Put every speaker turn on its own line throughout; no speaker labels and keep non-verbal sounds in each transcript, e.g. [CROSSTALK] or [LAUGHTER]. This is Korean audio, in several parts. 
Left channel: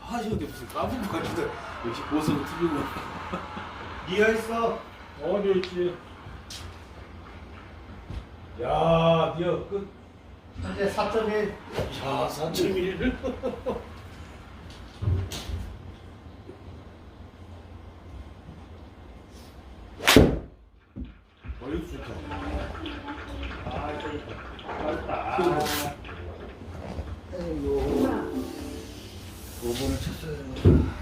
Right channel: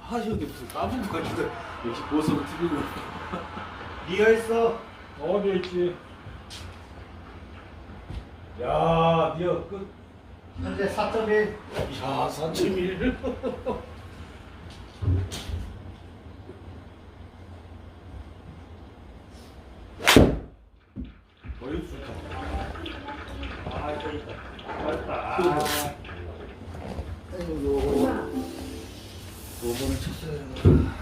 하시는데 무슨 까불고 가는데 역시 보석을 튀기고
니가 있어.
어디 있지? 야, 니가 끝.
현재 4.1.
야 4.1을 어이구 좋다
아, 저기 맞다.
요번을 쳤어야 되는 거야.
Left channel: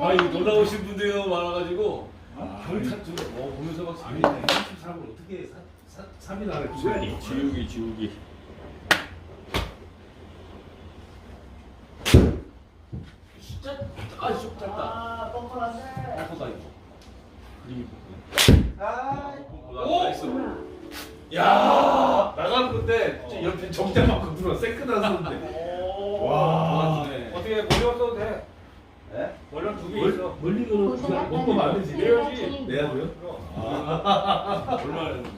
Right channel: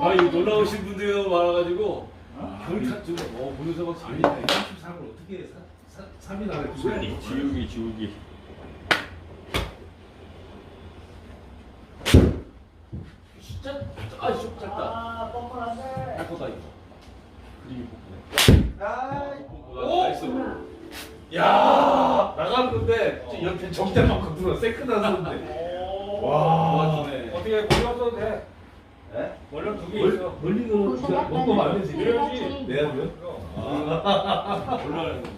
아 이거 놀라우신 분들이 많아가지고 경찰 좀 어, 보면서 막
아니,
재밌네
33을 어떻게 3일 안에
지우기, 지우기, 지우기.
진짜 아좀 짧다
아, 뻔뻔한데.
약하다 이거 그림이 뽀뽀네
아,
오! 나이스
건데 진짜 옆에 정대 맞고 들어 세크다 쏘는데. 와. 어떻게 왔어도 돼.
예?
멀리 두개 있어.
멀리 그냥 먹고 말면
차례입니다.
내가 보여?
아 몰라요
또.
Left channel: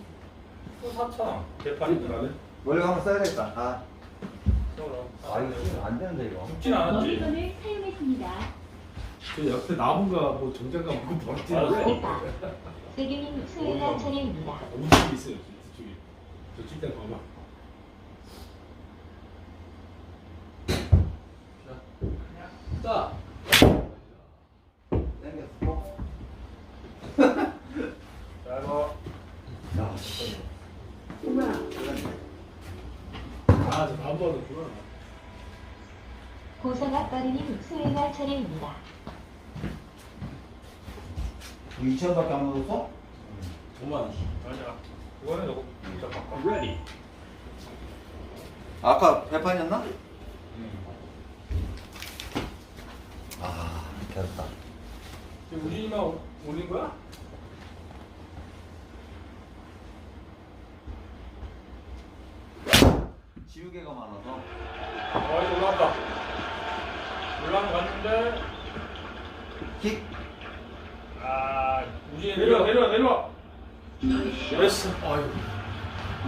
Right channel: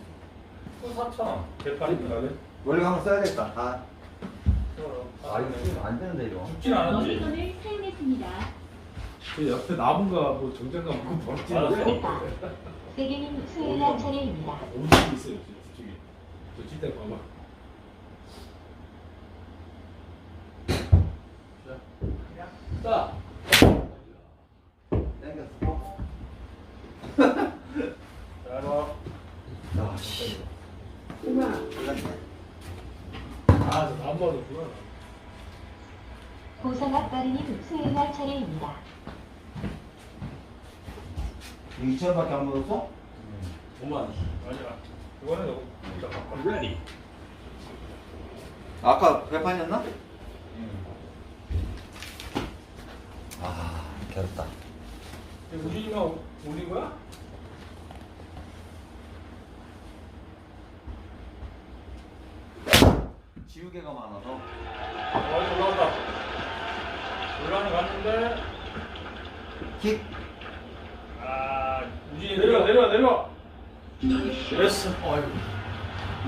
원래 한번 써야겠다. 아, 아 이거 안 되는데 이거.
죽진 않았지.
머리건을 사용했습니다.
그 옆에 나무가 뭐 정장가 뭐 버티는
오빠 세균님 수혜가 차례입니다.
음식이 있어요. 칠대 봐봐.
자.
야,
씨.
아, 저
차례입니다.
2천 원밖에 안 먹었어?
5만 원
맞아. 그거는.
Ready
아까 배판이었나? 아, 괴롭다.
우진이만 올린 거야?
지우개가 많아서.
어, 올라왔다. 올라온 거 같은데.
킥.
아, 우진이 내려, 내려, 내려. 됐어.
아이고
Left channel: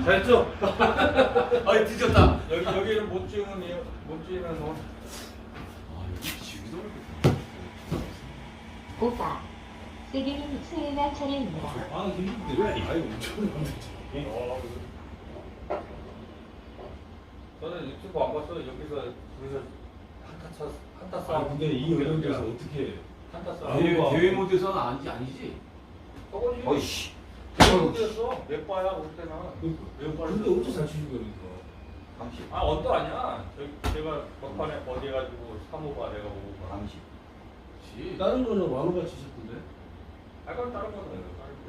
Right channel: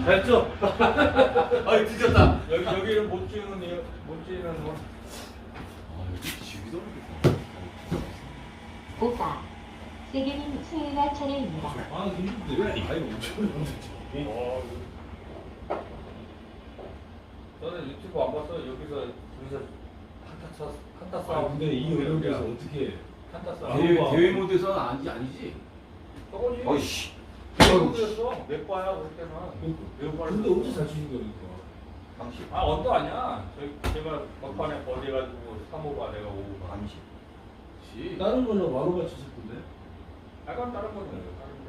됐어. [LAUGHS]
아이 뒤졌다
여기 여기는 못 찌는 이- 못 찌는 거.
여기 지우기도 하는데
오빠 세균님 수혜가 차례입니다.
아, 힘든데. 아이고, 엄청
어. 저는 유튜브 안 봤어. 여기서 여기서 한타 쳐 한타
아,
싸움.
근데 이 어려운데서 어떻게.
한타
아,
싸움.
대회, 모드에서는 아니지 아니지
저거지.
어이씨.
저거였어. 몇 바야 올 때는.
근데 어째 잘 치는 거야, 이거.
30.
아 언더 아니야. 저- 제가 막판에 버디 해가지고 3호가 내가 오고.
30.
지
다른 거는 와로가 치셨던데?
아 그럼 다른 거는 뭐예요? 다른 거.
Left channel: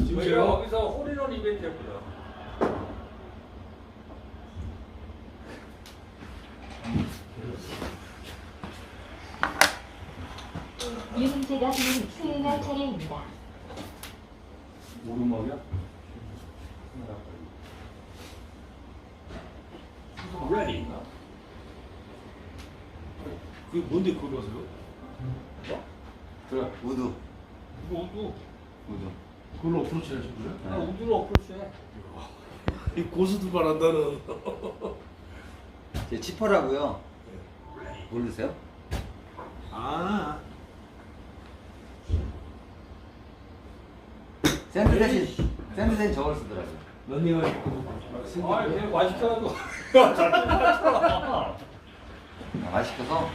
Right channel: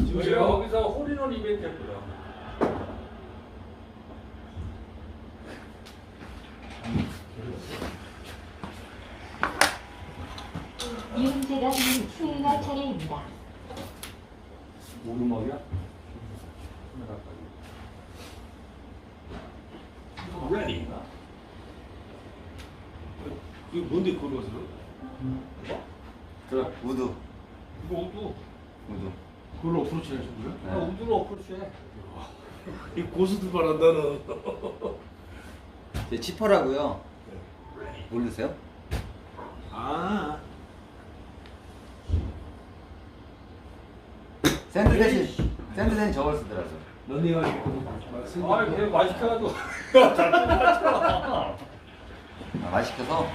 쉬운데.
지금 제가
거기서 홀인원 이벤트 했고요.
윤재가님 수혜가 차례입니다.
오르막이야?
ready
이거 뭔데 거기 가서 그래?
들어. 우드.
이거 우두.
우드.
그걸로 어프로치 하신 거야?
아, 우두로 어프로치 해. [LAUGHS]
이 고수들만 한다는.
제 치퍼라고요. 모르세요?
아.
샌드 대신 샌드 대신 저걸 쓰더라고요.
런닝할
아. 잘 뜯어놨잖아.
아, 맛있어서.
어,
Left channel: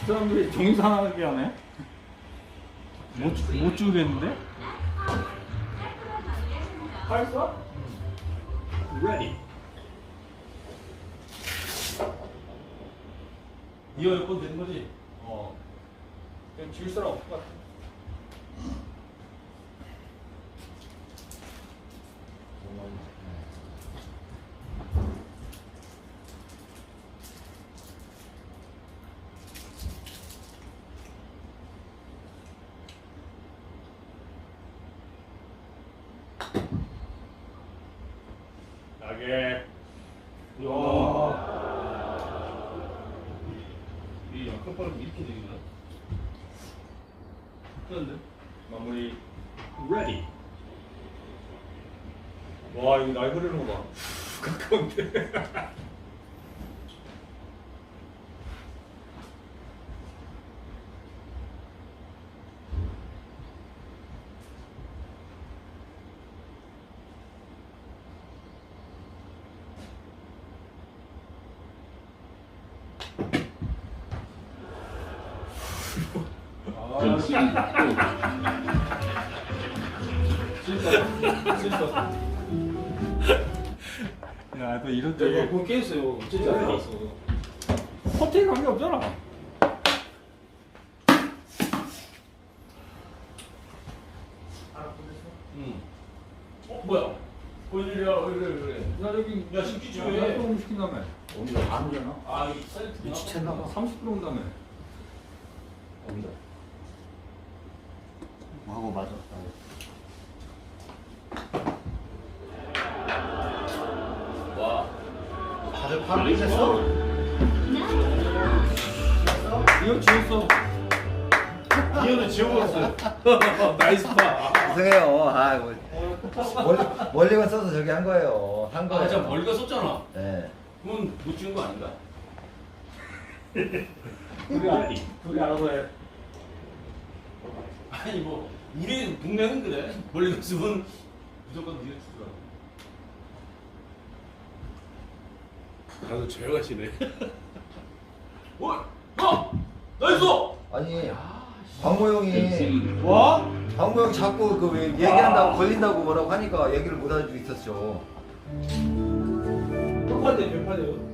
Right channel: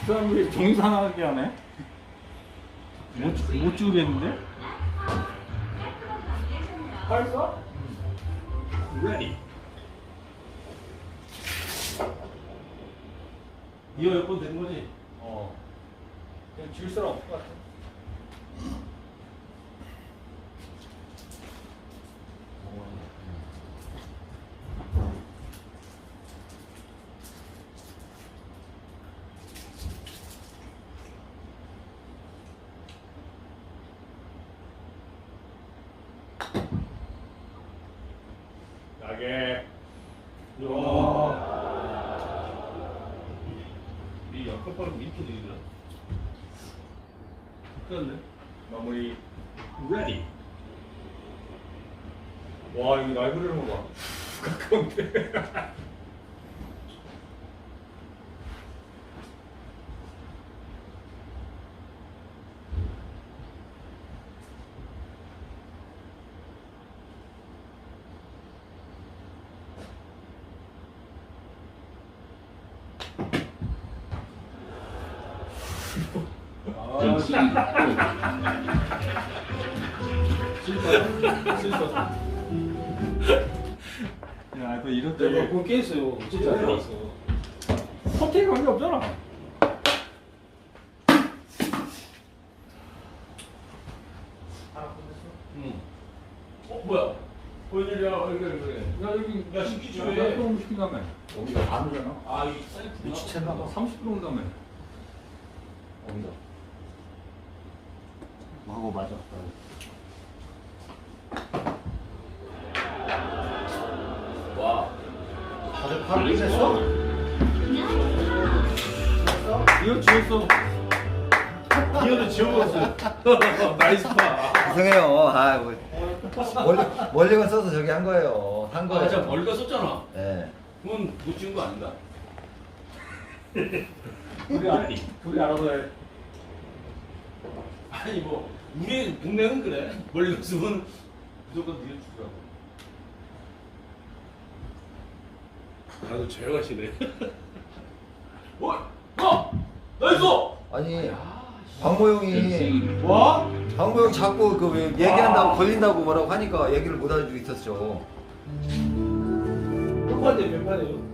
그 사람들이 정상하게 하네. 못, 못 주겠는데? 팔써?
ready
이거 몇번 된 거지?
어. 그냥 질 사람 없을 것 같아. 나게.
이 약간 빠르면 이렇게 되겠나?
그런데
마무리 ready. 와 이거 날 그리는 거 봐. [LAUGHS] 가까운데. 야또 이런
내가
쪽에
그거 깨있어요. 진짜 안 들었어.
호텔 관계 없잖아.
응. 어? 야야
야.
아
이거 셀프
미치겠나 봐.
30분 온다며.
어디가?
하고.
와.
다들 파를 냈어?
이거 지웠어.
기어도 지워버렸어. 나이스 파.
죄송해요. 아, 뭐, 멀리, 멀리건 써서 저기 한 거예요. 한 거예요.
아, 진짜 멀리가 썼잖아.
네.
그건 못 찍은 거 아닌가?
둘이 알 둘이 알아서 해.
아니 뭐 우리 동네는 그래. 멀리가 쓰면 무조건 니가 쓰더라고. 다들 죄가시네. 어? 어? 나이스!
아니, 방모 형이,
뭐?
방모 형 자꾸 그 왜 얘기한다고 걸린다고 뭐라고 하니까 얘기를 못 알아주고 있었죠.
몇판대 몇 판이에요?